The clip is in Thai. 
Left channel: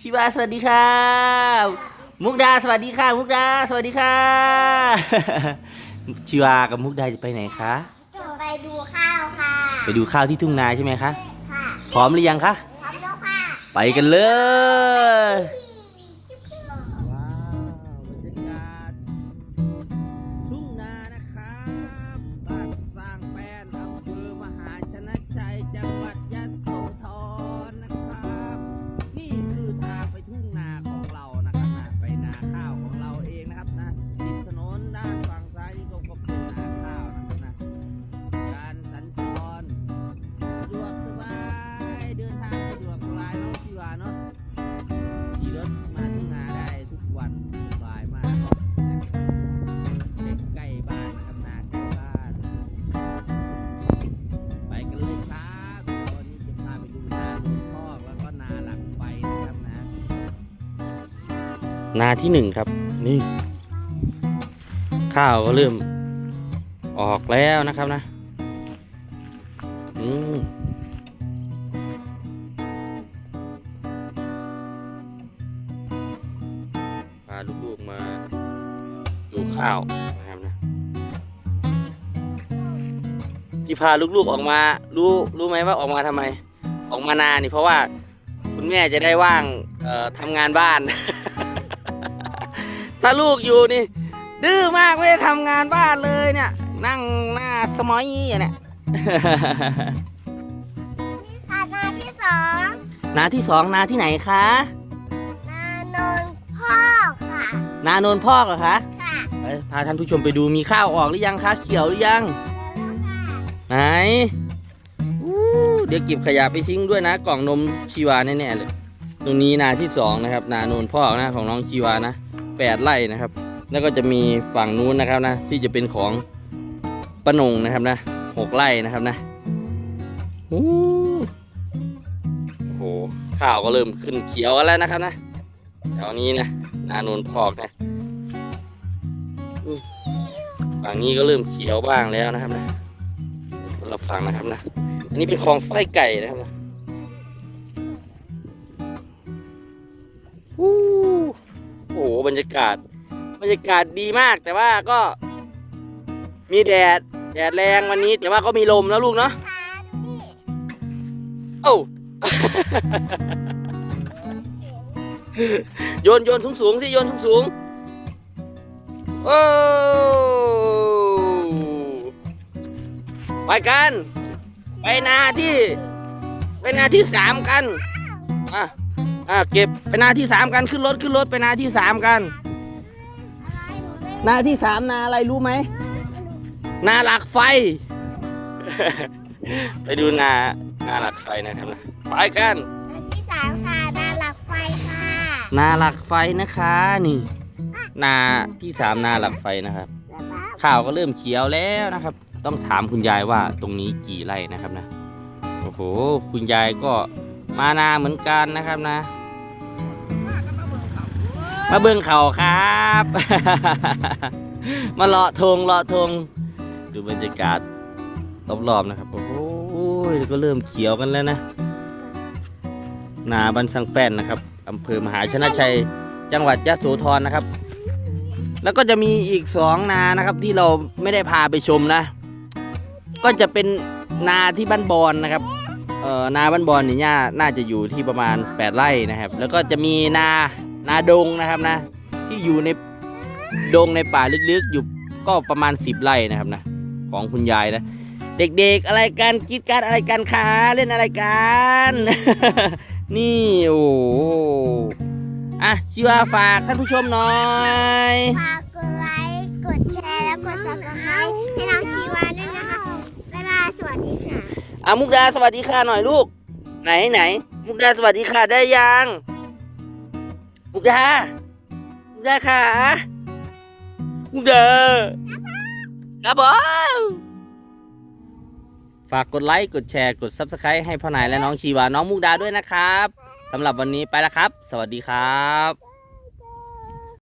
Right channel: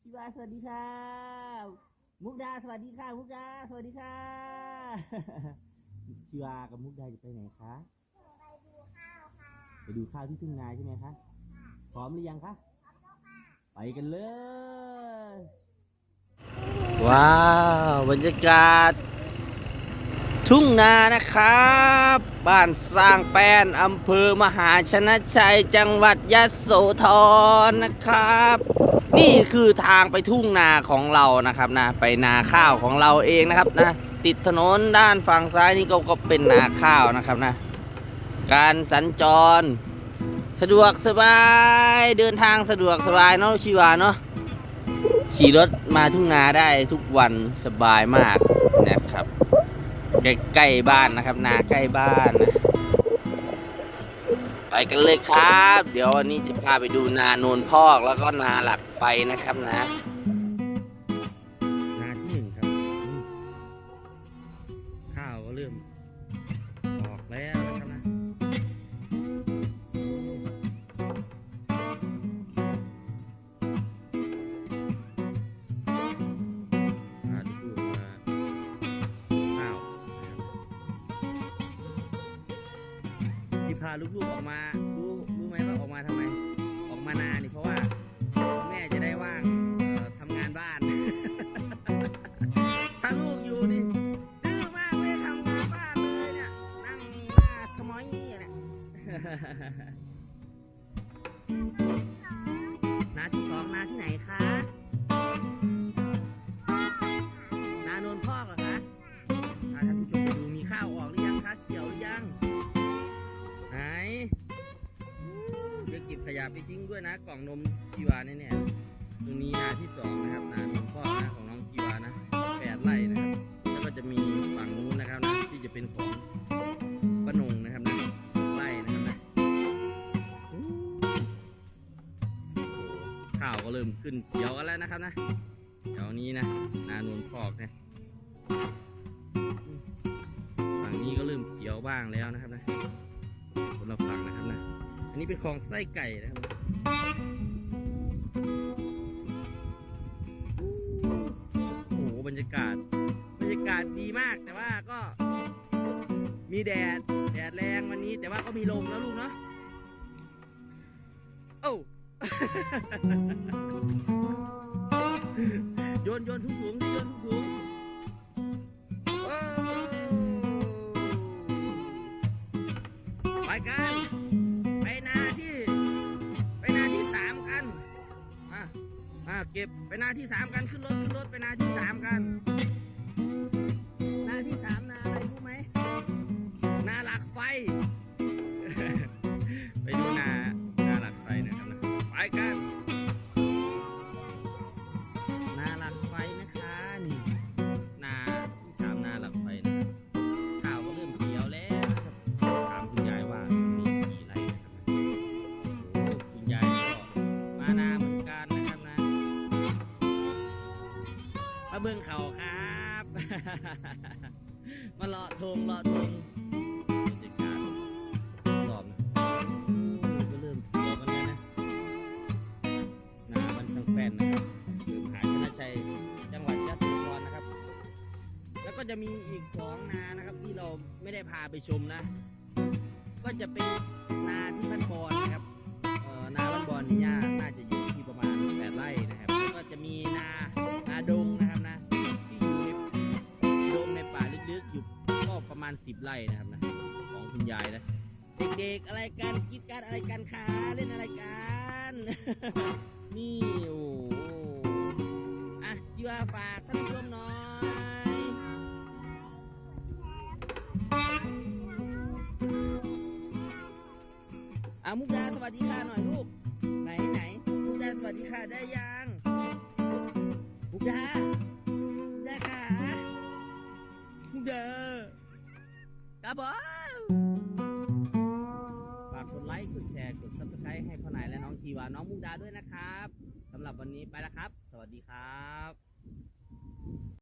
ชิวาสวัสดีค่ะ มุกดาสวัสดีค่ะ มุกดาสวัสดีค่ะ ชิวากับมุกดาจะไปไหนคะจะไปดูข้าวค่ะ ไปดูข้าวที่ทุ่งนาใช่ไหมคะ ค่ะ พร้อมหรือยังคะ พร้อมแล้วค่ะ ไปกันเลย ว้าว บรรยากาศ ทุ่งนานะครับ บ้านสร้างแป้นอำเภอมหาชนะชัยจังหวัดยะโสธรนะครับ นี่คือทางไปทุ่งนาของเรานะครับนะไปนาข้าวของเราเองนะครับนะติดถนนด้านฝั่งซ้ายนี่ก็ก็เป็นนาข้าวนะครับนะ การสัญจร สะดวกสบายเดินทางสะดวกสบายเนาะชีวาเนาะขี่รถมาทุ่งนาได้ทุกวันสบายมากนะครับ ใกล้ๆบ้านนะครับ นาใกล้บ้านนะไปกันเลยครับ เดี๋ยววันนี้จะพาไปดูนาโนนพอกแล้วก็นาหลักไฟนะครับนะ นาที่หนึ่งครับ นี่ ข้าวก็เริ่ม ออกแล้วนะครับนะอืมพาลูกๆมาดูข้าว ที่พาลูกๆออกมา รู้รู้ไหมว่าออกมาทำไม ออกมานานี่เพราะว่าคุณแม่จะได้ว่างเอ่อทำงานบ้าน ถ้าลูกอยู่นี่ ดื้อมากไม่ได้ทำงานบ้านเลยเนี่ย นั่งหน้าสมอยอยู่เนี่ยค่ะนาที่สองนาที่สองนาที่ไหนคะนาโนนพ่อกค่ะนาโนนพอกเหรอคะ ค่ะไปพาท่านผู้ชมไปดูมีข้าวออกหรือยังคะ เขียวหรือยัง ไหนเดี๋ยวเก็บขยะไปทิ้งด้วยนะ กล่องนมชีวาแน่ๆเลย ตรงนี้นาที่สองนะครับ นาโนนพอกนะของน้องชีวานะแปดไร่นะครับ แล้วก็จะมีฝั่งนู้นนะครับนะ ที่จะเป็นของปนงนะครับนะหกไร่นะครับนะโอ้โหข้าวก็เริ่มขึ้นเขียวแล้วนะครับนะแถวนี้นะนาโนนพอกนะฝั่งนี้ก็เริ่มเขียวบ้างแล้วนะครับนะ คนละฝั่งนะครับนะ อันนี้เป็นคลองไส้ไก่นะครับนะโอ้โหบรรยากาศ บรรยากาศดีมากแต่ว่าก็ มีแดด แดดแรงวันนี้ แต่ว่าก็มีลมแล้วลูกเนาะโอ้โยนโยนสูงสูงๆสิโยนสูงสูงโอ้ ไปกัน ไปนาที่ ไปนาที่สามกันอะอะเก็บไปนาที่สามกันขึ้นรถขึ้นรถไปนาที่สามกันนาที่สามนาอะไรรู้ไหมนาหลักไฟ ไปดูนานาหลักไฟนะครับนะไปกันที่สามค่ะนาหลักไฟค่ะนาหลักไฟนะคะนี่ นาที่สามนาหลักไฟนะครับ ข้าวก็เริ่มเขียวแล้วนะครับ ต้องถามคุณยายว่าตรงนี้กี่ไร่นะครับนะโอ้โหคุณยายก็มานาเหมือนกันนะครับนะ มาเบิ่งเขาครับ มาเลาะทงเลาะทงดูบรรยากาศรอบๆนะครับโอ้ยก็เริ่มเขียวกันแล้วนะนาบันสังแป้นนะครับอำเภอมหาชนะชัย จังหวัดยะโสธรนะครับ แล้วก็จะมีอีกสองนานะครับที่เราไม่ได้พาไปชมนะ ก็จะเป็นนาที่บ้านบอนนะครับเอ่อนาบ้านบอนนี่ย่าน่าจะอยู่ที่ประมาณ 8 ไร่นะครับ แล้วก็จะมีนานาดงนะครับนะ ที่อยู่ในดงในป่าลึกๆ อยู่ก็ประมาณ 10 ไร่นะครับนะของคุณยายนะ เด็กๆอะไรกันกรีดการอะไรกันคะเล่นอะไรกัน นี่โอ้ อะชิวาฝากท่านผู้ชมหน่อยฝากกดไลค์กดแชร์และกด subscribe ให้น้องชีวาด้วยนะคะบ๊ายบายสวัสดีค่ะอะมุกดาสวัสดีค่ะหน่อยลูก ไหนไหนมุกดาสวัสดีค่ะได้ยังมุกดามุกดาค่ะมุกดาครับผมฝากกดไลค์กดแชร์กด Subscribe ให้พ่อนายและน้องชีวาน้องมุกดาด้วยนะครับ สำหรับวันนี้ไปแล้วครับ สวัสดีครับ